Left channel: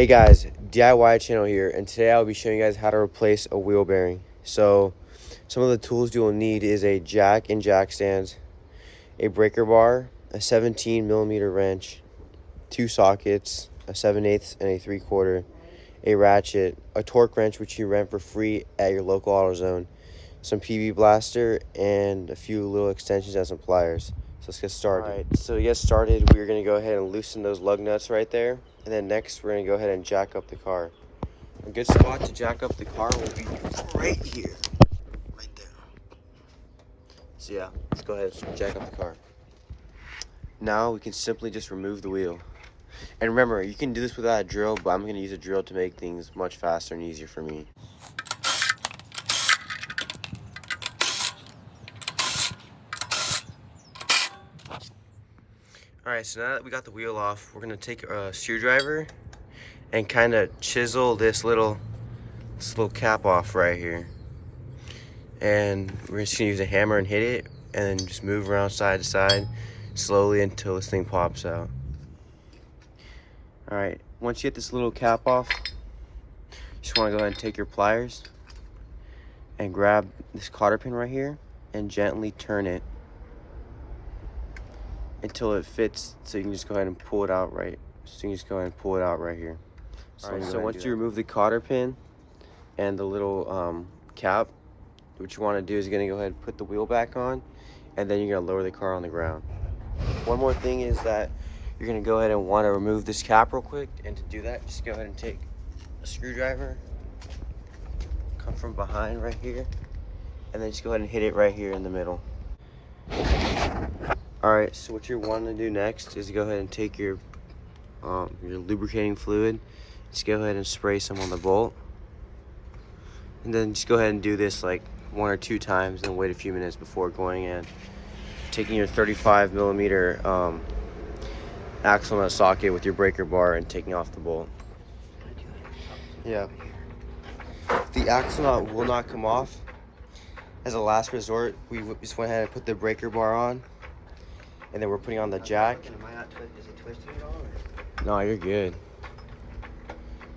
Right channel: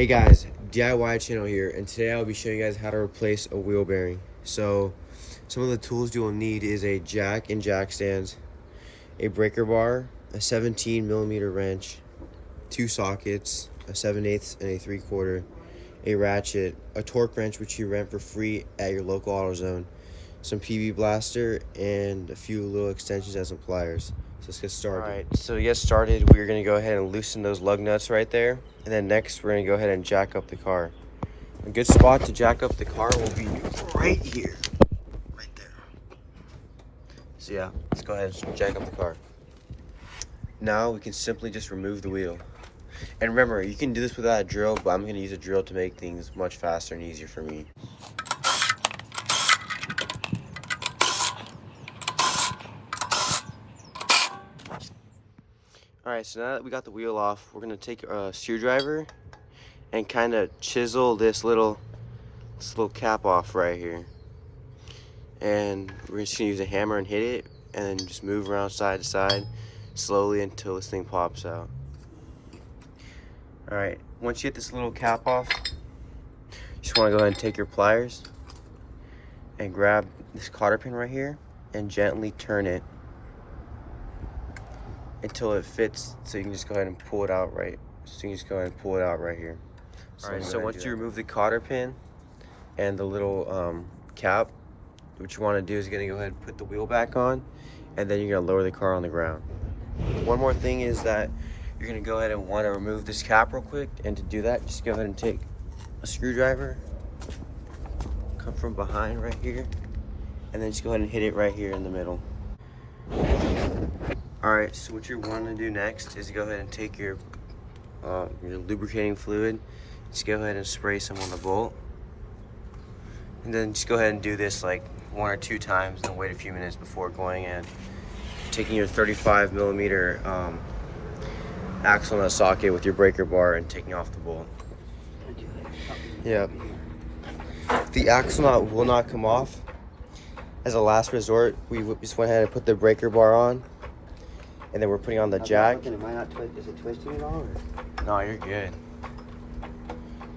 Hey guys, DIY channel here, and today I'll be showing you guys how to replace a wheel bearing. So some of the tools you will need is a jack and jack stands, a breaker bar, a 17mm wrench, 2 sockets, a 7/8 and a 3/4, a ratchet, a torque wrench which you rent for free at your local AutoZone, some PB blaster, and a few little extensions and some pliers. So let's get started. Alright, so to get started, we're going to go ahead and loosen those lug nuts right there. And then next, we're going to go ahead and jack up the car. A good spot to jack up the car will be right here. Right there. So yeah, let's go ahead and jack up the car. Now we can simply just remove the wheel. And remember, you can do this without a drill, but I'm going to use a drill to make things much faster and easier for me. Alright, so now that we got the wheel off, we're going to take a screwdriver and kind of chisel this little cap off right here. And we're just going to use a hammer and hit it, and then just move around side to side slowly until this thing pops out. Alright, once you get this little cap off, you just want to go ahead and take your pliers and grab this cotter pin right here and gently turn it until it fits, so you can just go ahead and pull it out right. So you can just go ahead and pull it out right here. Alright, so once you remove the cotter pin and the little cap, what you want to do is going to go ahead and put the wheel back on, and then you're going to lower the car on the ground. One more thing is that you're going to go ahead and want to remove this cap real quick, and to do that, just go ahead and take a screwdriver, come from behind right here, and then just go ahead and hit it right here in the middle. Alright, so what you're wanting to do next is go ahead and take your lubricating fluid, just go ahead and spray some on the bolt, and then just go ahead and do this like 1 or 2 times and wait a few minutes before going and taking your 35mm axle nut socket with your breaker bar and taking off the bolt. Yeah, the axle nut will not come off. As a last resort, we just went ahead and put the breaker bar on, and then we're putting on the jack. Is it twisting at all? Or? No, you're good.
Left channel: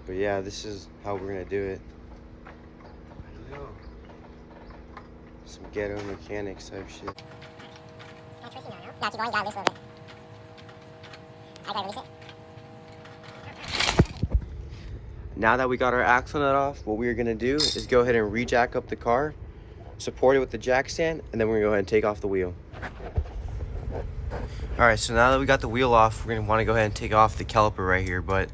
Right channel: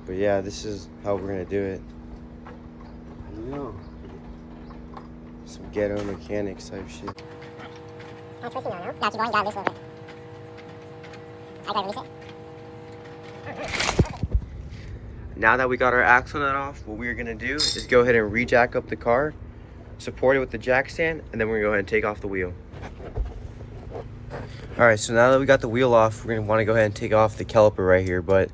But yeah, this is how we're gonna do it. I know. Some ghetto mechanics type shit. I'm twisting now, no? Yeah, keep going, gotta loose a little bit. I gotta release it. Now that we got our axle nut off, what we're gonna do is go ahead and re-jack up the car, support it with the jack stand, and then we're gonna go ahead and take off the wheel. Alright, so now that we got the wheel off, we're gonna wanna go ahead and take off the caliper right here, but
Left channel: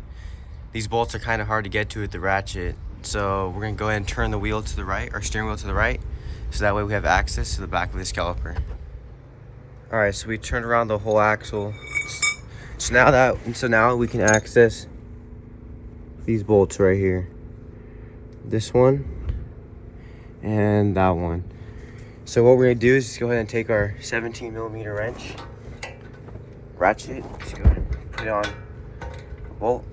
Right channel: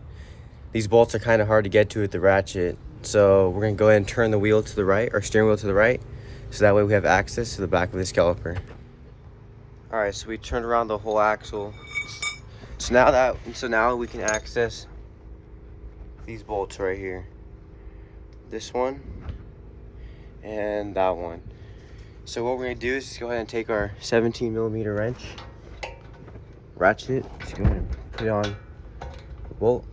these bolts are kind of hard to get to with the ratchet. So we're gonna go ahead and turn the wheel to the right, or steering wheel to the right, so that way we have access to the back of this caliper. Alright, so we turned around the whole axle. So now we can access these bolts right here. This one and that one. So what we're gonna do is just go ahead and take our 17mm wrench, ratchet, just go ahead and put it on the bolt.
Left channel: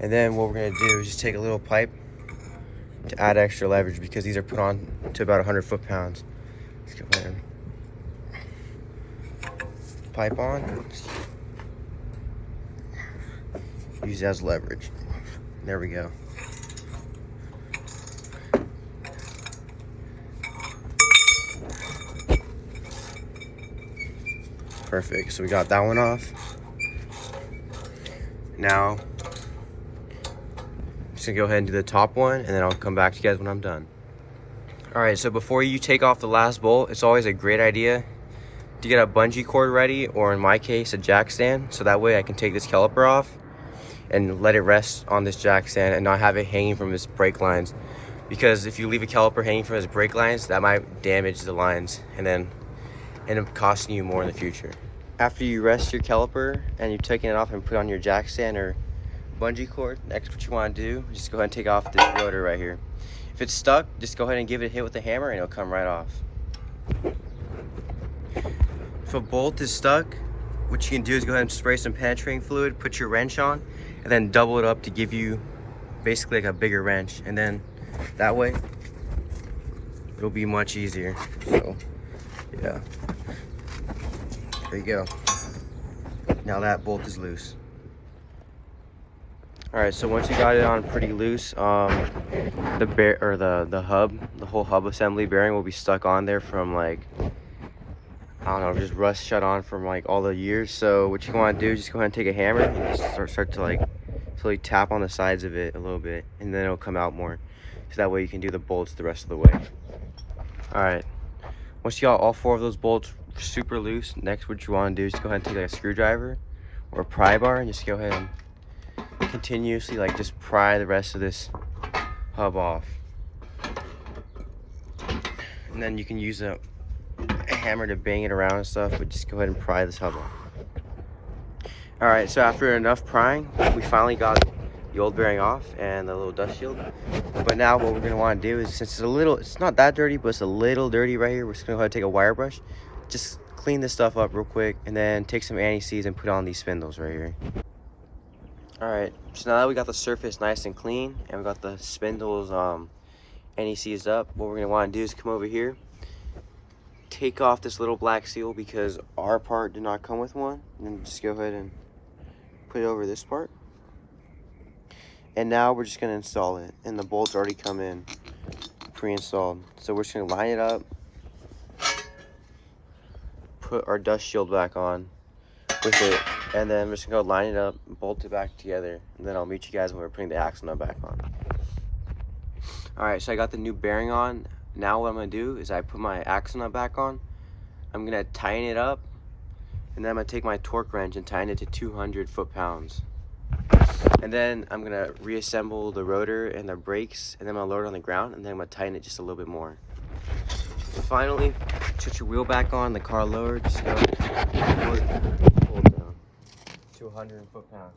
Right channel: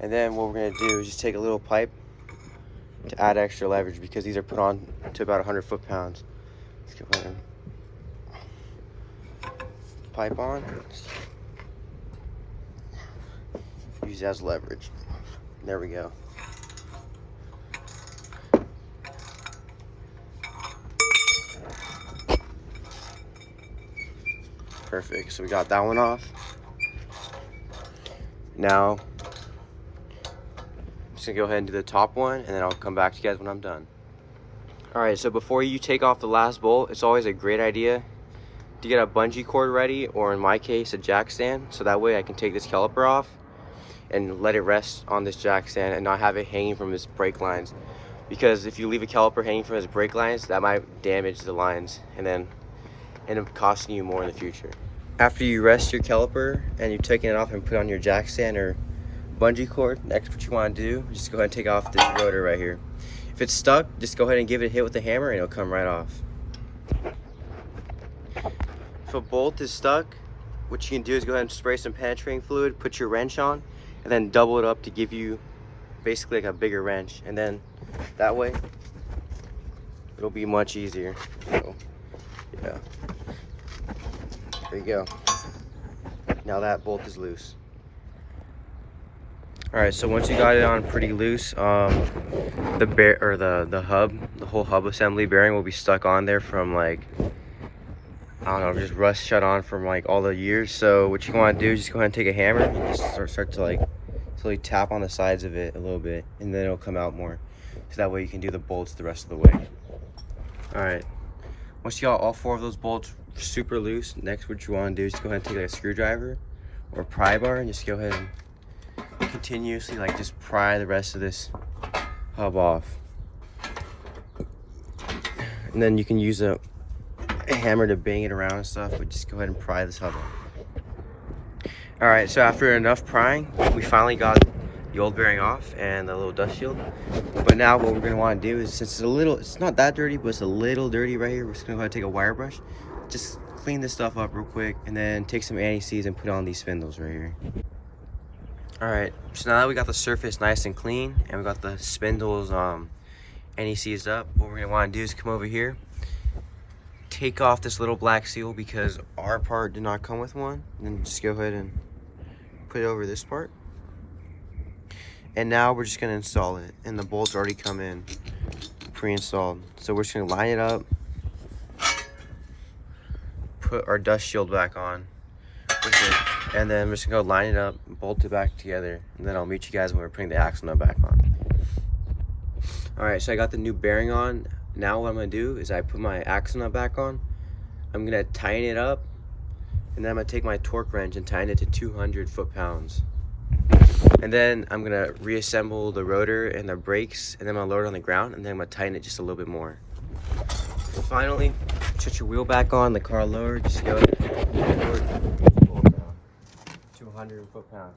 And then what we're gonna do is just take a little pipe to add extra leverage, because these are put on to about 100 foot-pounds. Let's go ahead and pipe on. Use it as leverage. There we go. Perfect, so we got that one off. Now, I'm just gonna go ahead and do the top one, and then I'll come back to you guys when I'm done. Alright, so before you take off the last bolt, it's always a great idea to get a bungee cord ready, or in my case, a jack stand, so that way I can take this caliper off and let it rest on this jack stand and not have it hanging from its brake lines. Because if you leave a caliper hanging from its brake lines, that might damage the lines and then end up costing you more in the future. After you rest your caliper and you've taken it off and put on your jack stand or bungee cord, next what you want to do is just go ahead and take off this rotor right here. If it's stuck, just go ahead and give it a hit with the hammer and it'll come right off. If a bolt is stuck, what you can do is go ahead and spray some penetrating fluid, put your wrench on, and then double it up to give you basically like a bigger wrench, and then that way it'll be much easier. So yeah, there you go. Now that bolt is loose. All right, so once you got it on pretty loose, the whole hub assembly bearing will be stuck on there from like, I don't know, just rust shut on from like all the years. So what you want to do is just go ahead and take a hammer and just start to like slowly tap on the sides of it a little bit, and then it'll come out more. So that way you can do the bolts the rest of the way. All right, once you got all 4 of those bolts super loose, next what you want to do is go ahead and take like a screwdriver or a pry bar and just go ahead and continuously like just pry the rest of this hub off. And then you can use a hammer to bang it around and stuff, but just go ahead and pry this hub off. All right, so after enough prying, we finally got the old bearing off and the little dust shield. But now what we're gonna want to do is, since it's not that dirty, but it's a little dirty right here, we're just gonna go ahead and take a wire brush, just clean this stuff up real quick, and then take some anti-seize and put on these spindles right here. All right, so now that we got the surface nice and clean and we got the spindles anti-seized up, what we're gonna want to do is come over here, take off this little black seal because our part did not come with one, and then just go ahead and put it over this part. And now we're just gonna install it, and the bolts already come in pre-installed. So we're just gonna line it up, put our dust shield back on with it, and then we're just gonna go line it up, bolt it back together, and then I'll meet you guys when we're putting the axle nut back on. All right, so I got the new bearing on. Now what I'm gonna do is I put my axle nut back on. I'm gonna tighten it up, and then I'm gonna take my torque wrench and tighten it to 200 foot-pounds. And then I'm gonna reassemble the rotor and the brakes, and then I'm gonna lower it on the ground, and then I'm gonna tighten it just a little bit more. Finally, set your wheel back on, the car lowered, just go pull it down to 100 foot-pounds.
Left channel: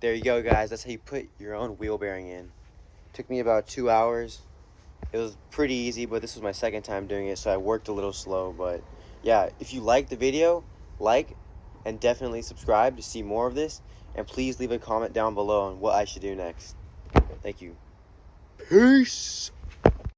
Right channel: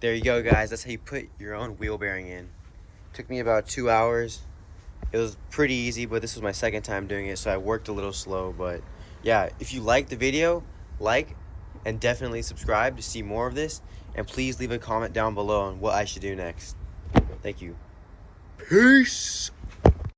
There you go, guys. That's how you put your own wheel bearing in. Took me about 2 hours. It was pretty easy, but this was my second time doing it, so I worked a little slow. But yeah, if you liked the video, like and definitely subscribe to see more of this. And please leave a comment down below on what I should do next. Thank you. Peace.